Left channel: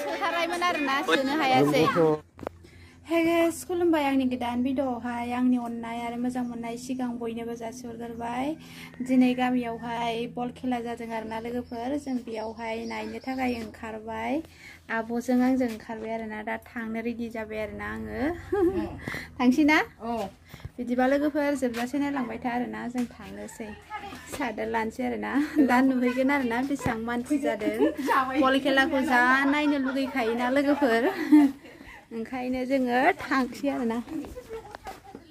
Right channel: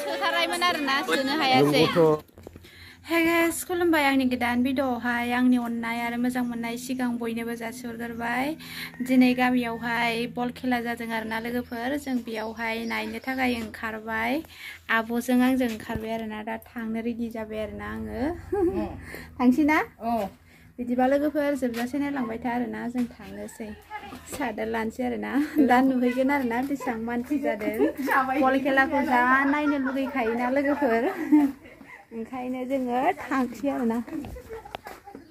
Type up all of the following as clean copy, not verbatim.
सोथारबायमोन आरोना सोनो हायासै Hey guys, खुलुमबाय आंनि गोदान भिडिअआवहाय आंनि अननाय आरो मोजां मोननाय सिगां बयनोबो जासिहरग्रोबाय दिनै गामियावहाय बल खेला जादों आरोना लोगोफोर जों बेयावहाय नायनो थाखाय ओंखारबाय आब'जों आंजों ओंखारबाय आरोना दा थांनो रेडि जाबाय आरोना आङो थांसै ना बिदिबा लोगोफोर जोबजासे नायलांबाय था आरोना जों थांनोसै सादर लानोसै आरोना दा नुहैगोन आरोना बेसेबां मानसि जादों बल खेलाखौ जा नायनो लुगैखायोना लोगोफोर ओंखायनो जोङो थांसै आरोना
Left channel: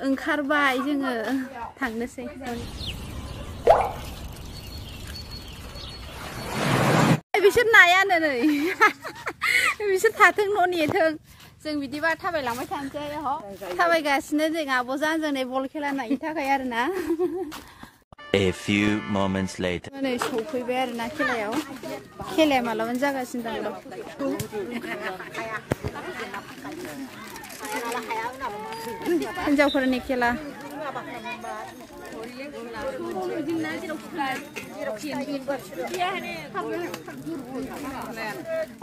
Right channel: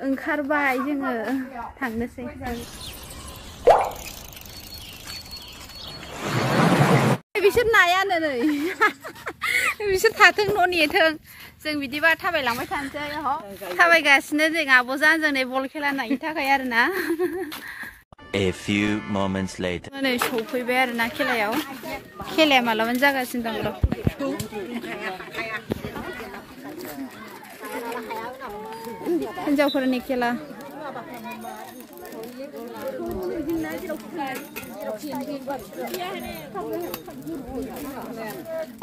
ओंखारबाय जोङो थांनोसै बिसोर नायानो नै बिसोर थाथों न' नेथों जों बिदिबा थाबायलांबाय थानोसै थाबायगासिनो जों आब'जों आंजों नै बल खेला नायनो थाखाय आरोना A few moments later नै सफैबाय आरोना खेलाया मालाबानो जागासिनो दं र' हिन्जावफोरनि खेला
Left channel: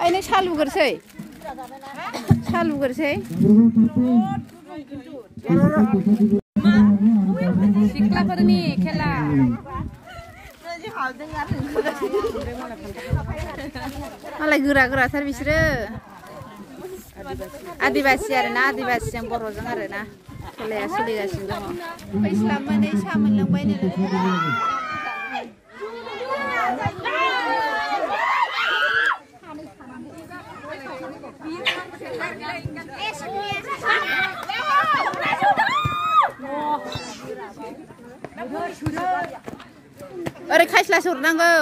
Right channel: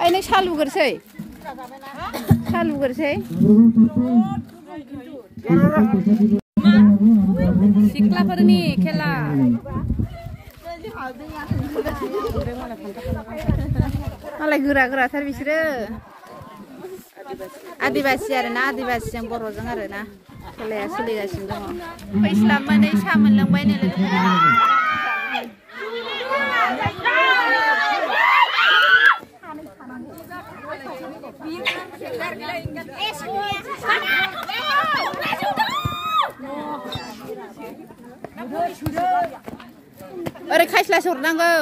ओइ नों साहा लुगोरसै सिख्लाफोरनि खेला मालाय गोरा-गोराथार बिसोरो आदिबासि आरोना आदिबासिजों बर'जों आरोना खेलाया सोलिगासिनो दङ फैस्लाब मोनै साहा मोनलोंबायनो लोगोफोरा ओरै खायस्लासो हरनांगौ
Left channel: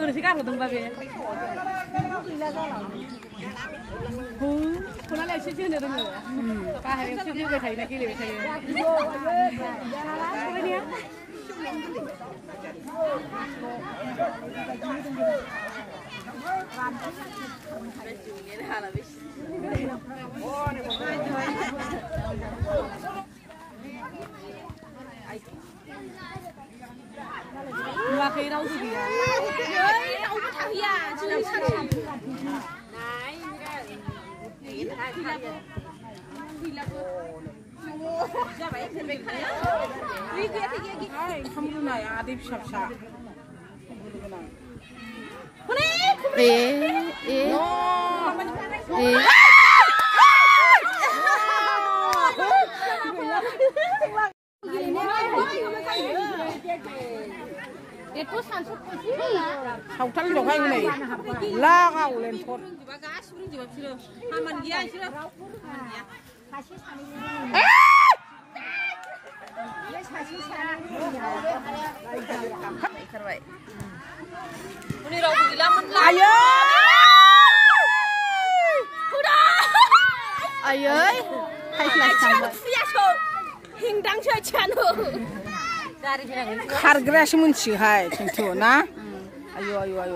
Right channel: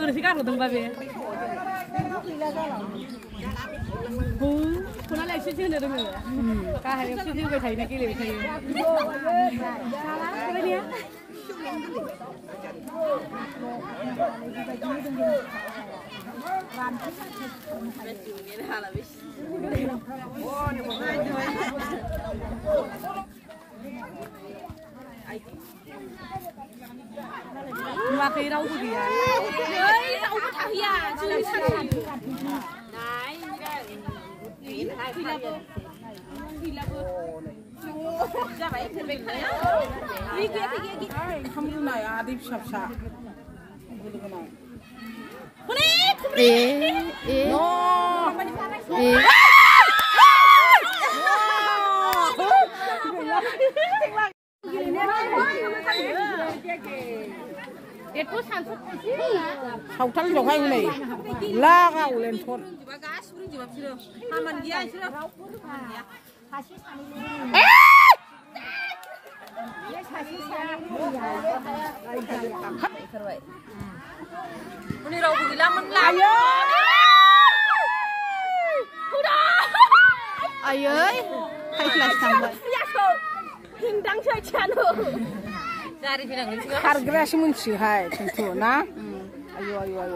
ओरैसो गारहरदोंबा बे खनालाय एसेसो होनो रोङो गाहायावसो फैबाय थायोना गेलेबाय थायो नुवाखै रावबो गैया रावबो थाहैया जाबाय ओंखाम रुनाय आदै फिसा फिसा सावथाल दहाय हनै लागाव लेन्थन रावबो गैलामोन आयै खायस्लासो थांबाय हिंदांसो आथियानो खारग्रायासो मोनथियोहाय खिन्थु ना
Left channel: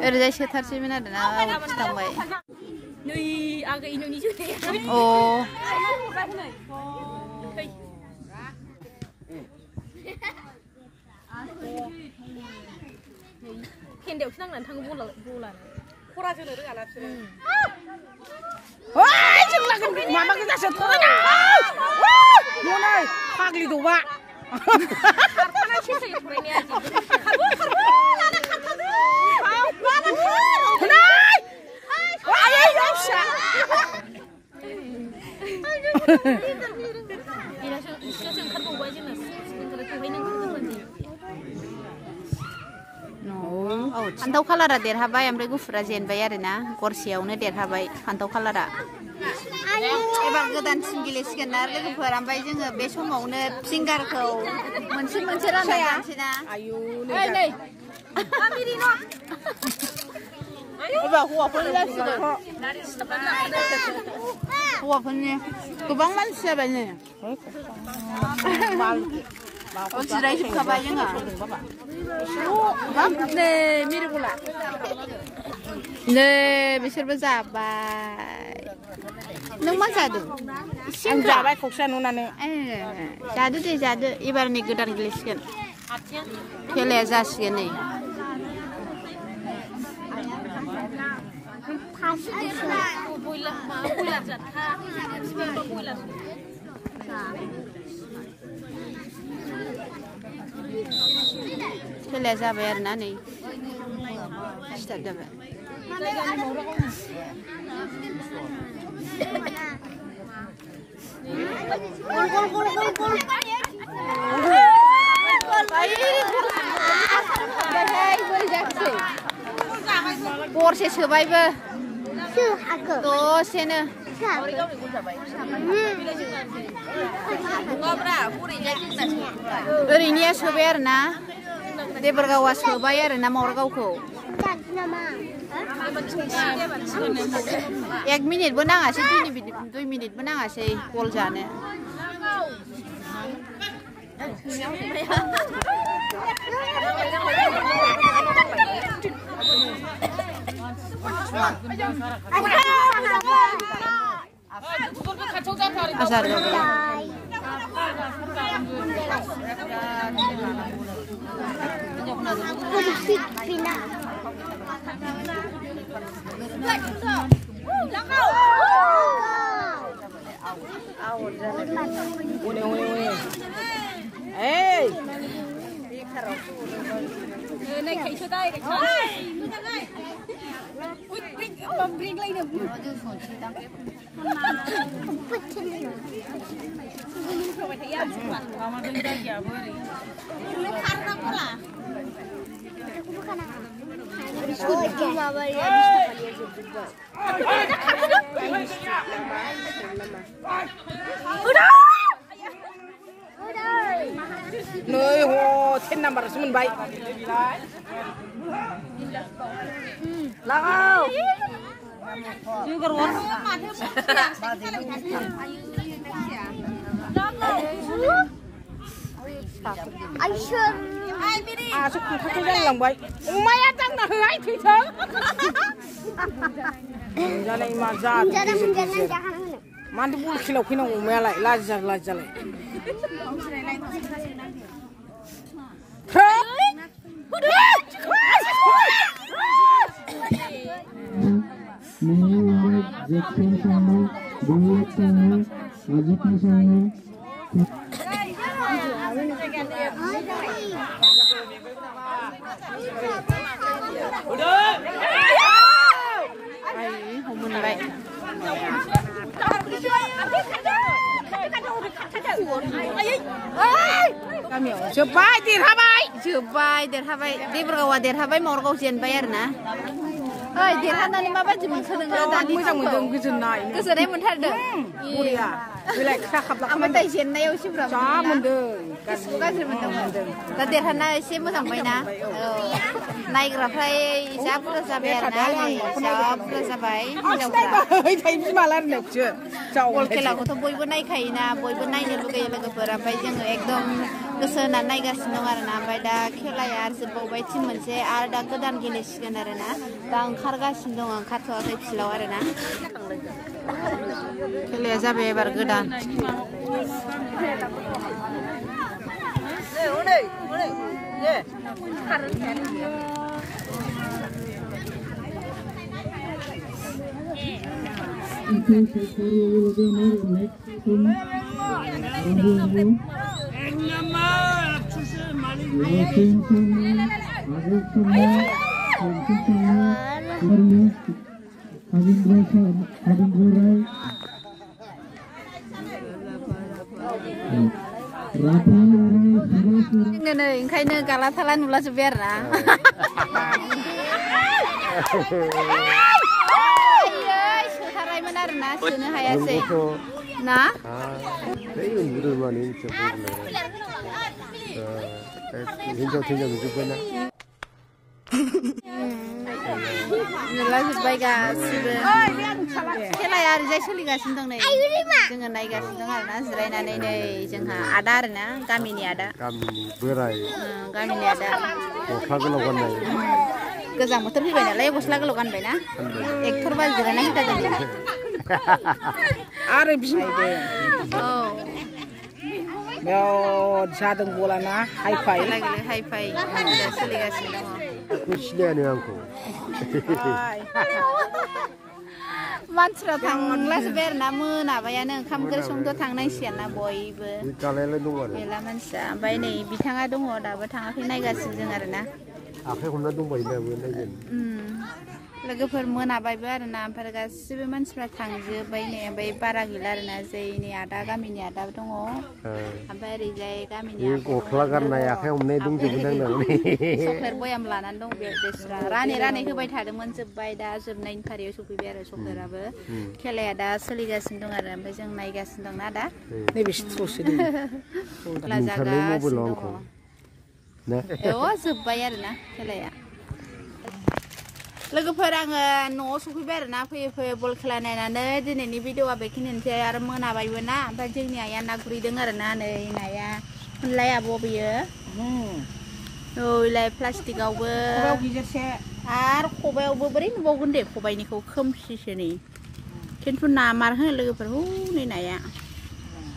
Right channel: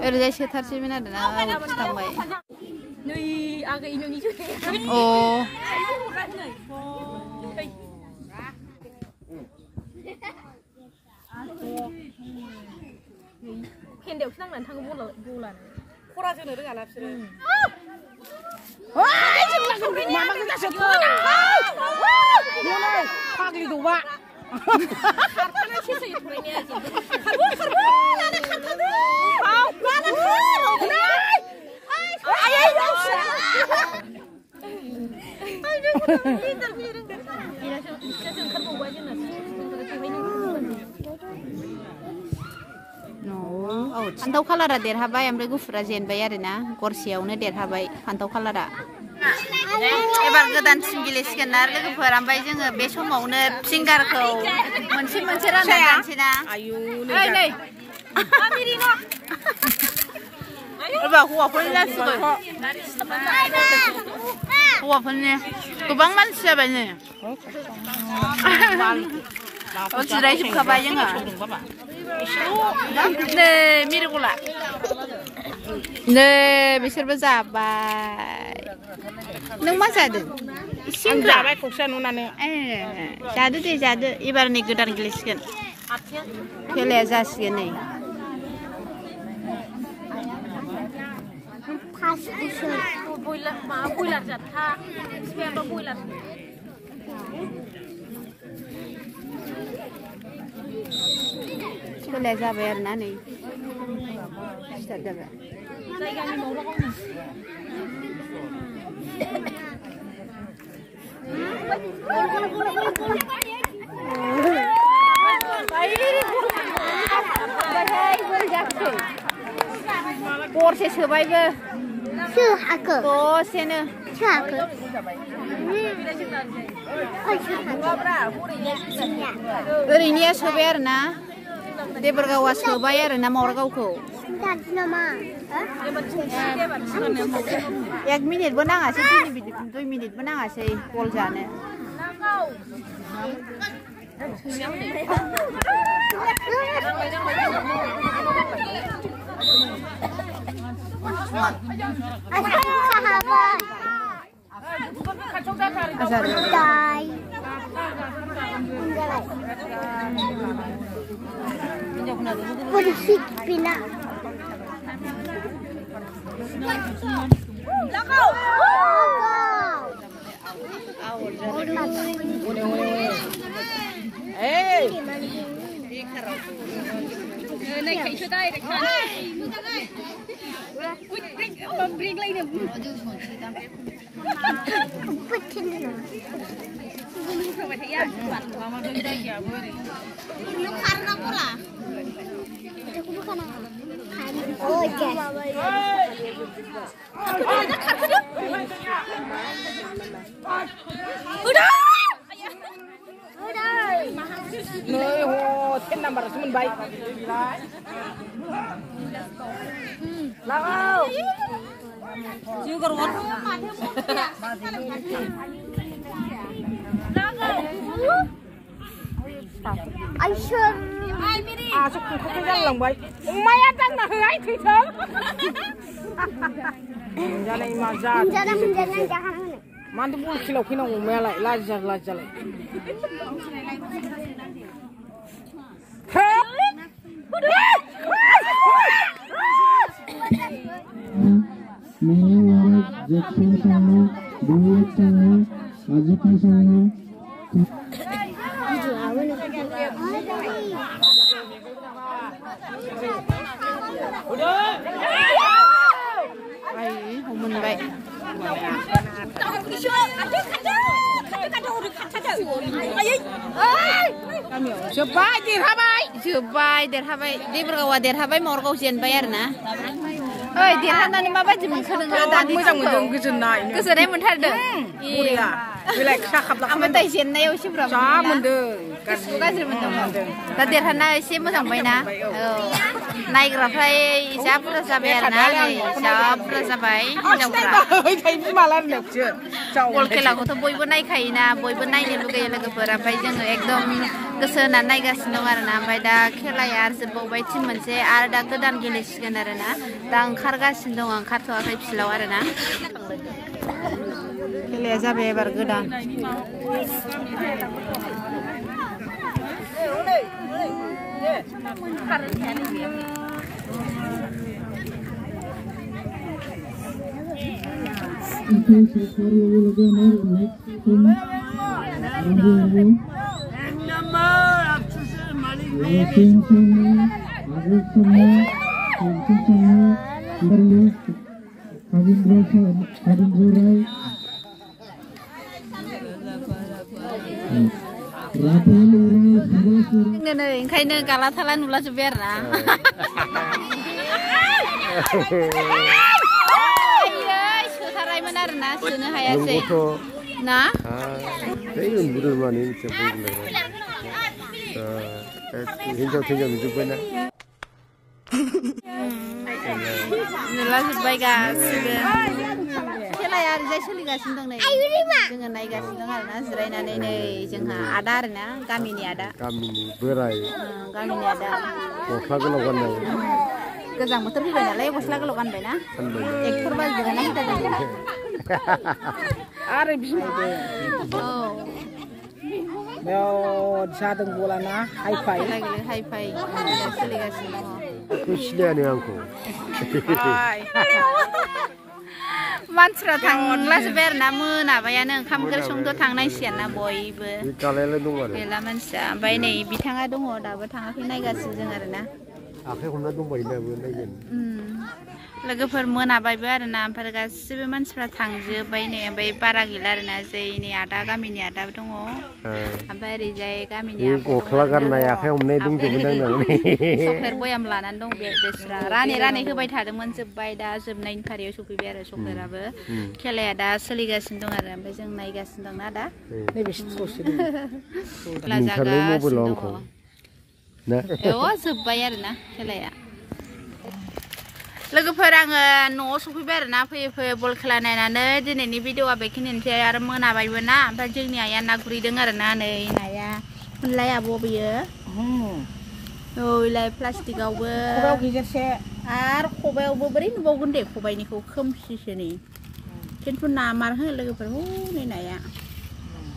ओरैजाय सोथारसैमोन आरोना आवटसो थांबाय अ फेन्दायावसो नांनानै थाङो बलानो खरा जोनो रोङाना बिसोरो माबा गोजासो फाग्लि दौबा फान्थाव कालारा देरहाबाय ओमफ्राय गुफुरा जेनबाय आरोना गरसेयावनो देरहाबाय फान्थाव कालारा एबार गोदान टिम गेलेसिगोन ना लोगोफोर ओमफ्राय जोङो बे समावनो फिंगारखौ मोनसे रानना जानोसै ना हौवाफोरनि गोबां मानसि जाबाय नै जिरायजोबखाबाय जोङो नै मिरगला नै बिसोरबो जाबाय नों मा जादों सिंग्रा जाबाय खौसा नुनानै जादो दे जादो एबार नै गोदान गेलेसिगोन खेलाया जासिगोन नै खेलाया जाबाय आरोना नै स्टार्ट जाबाय गरसे सोबायबो दसेनो ओरैनिया सोबाय आरोना देबरगावआ सोबाय आरोना मावरगावखौ 1 मिनिटबो नाङासै 2 मिनिटबो नाङासै गल जानो azar Mantu pun kilo kino melai lajar. Jobai derhabai Deborgawa derhabai Mawargaw जेनबाय आरोना ओइ देरहानानै माबायदि मोनखो नोङो मोजां मोनदों गोजोननाय मोनथारदों बरिया बेलाय खाखाबला ओमफ्राय जेननायाव एसे बुरजा जा मोनदों गाज्रि मोनदों दा देरहाना एसे मोजां मोनबायना नायग्राफ्रा जा बुरजा जाबाय आरोना जा बुरजा जाबाय हिनजावफ्रा बल खेलाखौथ' बयबो नायखायोना बयबो नायनो लुगैयो लोगोफोर ओमफ्राय जोङो एकदम गोसो होनानै नायगासिनो दं आरोना ओमफ्राय दा खेलाया आरो जोबबावबाय टिम मोनसे आरो दा गोदान गेलेसिगोन आरोना दा ओंखारगासिनो दं ओंखारथ'वाखै फिल्डआव आरोना खेलाया जाबाय एबार गोदान नै ओंखायनो गाला थाला नुला जोब्बाय आरोना सोथारनायमोन आरोना सोनो हायासै ना हिनजाव नुजोब्बायना नुला जोब्बाय गासिबो खेलाया ओरैजाय सोलिगासिनो दं नै जोङो नायगासिनो दं आरोना जिरायनानै नै जोंहा आदा आरोना गामिनि बोराय गामिनि आदा गस्ला गोलाव गाननाय गोजां बोथोर फैबाय नालाय गस्ला गोलाव गानबायना एक्टर बायदि जिरायना फैथा जों आरो बिनायदो औ बेयाव जादों बलाना हाइफाइ खेला गेले हाइफाइ सोलिगासिनो दङ सिनायानो आंखौ मानसिफ्रा थांलाजोब्बाय आरो ना मोनाबायानो ओंखाम ओंख्रि संथ' थांनांसिगोन ना बयबो गैला मानसिया ओमफ्राय नै बिथाङा दङ दाबो थाङाखै नायगासिनो जों आरो ना आखाइ हमना दंबायो दाबो नायगोन लोगोफोर मोनाबायबो आरो ना ओमफ्राय गासिबो मानसिफ्रा थांजोब्बाय नै ओमफ्राय बारा गैला आरो ना जोंनि आदा गामिनि आदा दङ ओमफ्राय ओरैजाय गामिनि गस्ला गाननाय आखाइ हमनाय दंजोबो चक्लेट बयाम लानानै दं बेस्रा रानै होबाय थादोंमोन जोब्बाय दा जोबनायनि फारियाव सफैबाय आरो चक्लेटआबो खेलाया दा सोलिगासिनो दं आरो ओमफ्राय जों नायगासिनो दं ना दा लाजागासिनो दङ जोब्बाय आरो ना खेलाया लोगोफोर आङो न'आव सफैबाय आरो ना फैयै बल खेला नायनानै दिनैनि भिडिअआ बेखिनियानोसै आरो मोनाबायबो ना ओमफ्राय जोंनि आइया ना गुरहैदों आरो ना नै नाया होनलाय आब' बेयो ओइलाय प्लास्टिकआवबो आरो खबायावबो बोरै नुबावगोन दे खबाइनिखौ खोमसिसो नै खिन्थु ना मारहो लोगोफोर नै नाया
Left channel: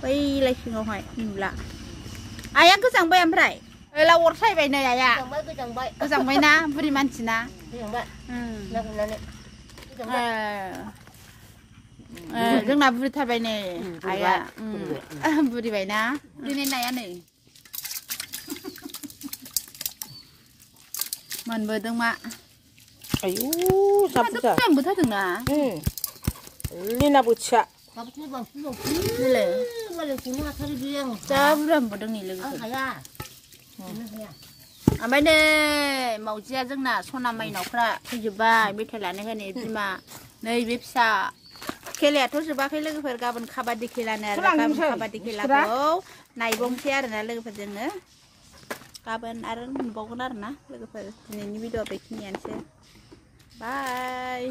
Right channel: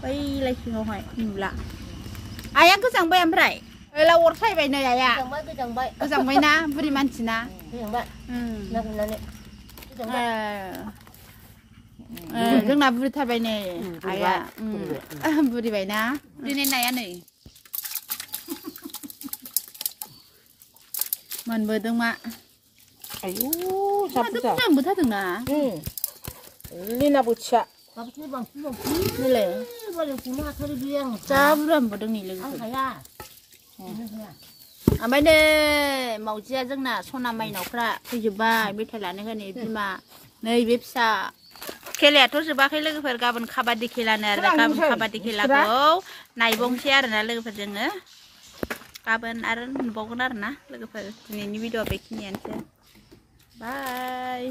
बैलाय सिङावहाय नुला आइया गोजांबाय ओमफ्राय ओला अर सायबाय नै आइया गोजांबाय ना बुरि मानसि ना जोंना बुरिथारबाय नै आइया बुरिबायना दिनै नाया नै मोनबोदों मा आयु मोनबोथारदोंना लिना बोथिया नैलाय जा बुरजा मोनबोदों नै लोगोफोर ओमफ्राय नै मावजिया जोंना सना माइनावफ्रा फैजोब्बाय मेथाइ लानो होनै बिमा नै बे फिसा खेलायाथ' जोबाखै लोगोफोर गाबोन काबादि खेलानो आरो गाबोन काबादि खेलाखौ नायबावनोसै आरोना लोगोफोर जोङो गाबोन आरो नुबावगोन आरोना लोगोफोर दिनैनि भिडिअआ बेखिनियानोसै बाय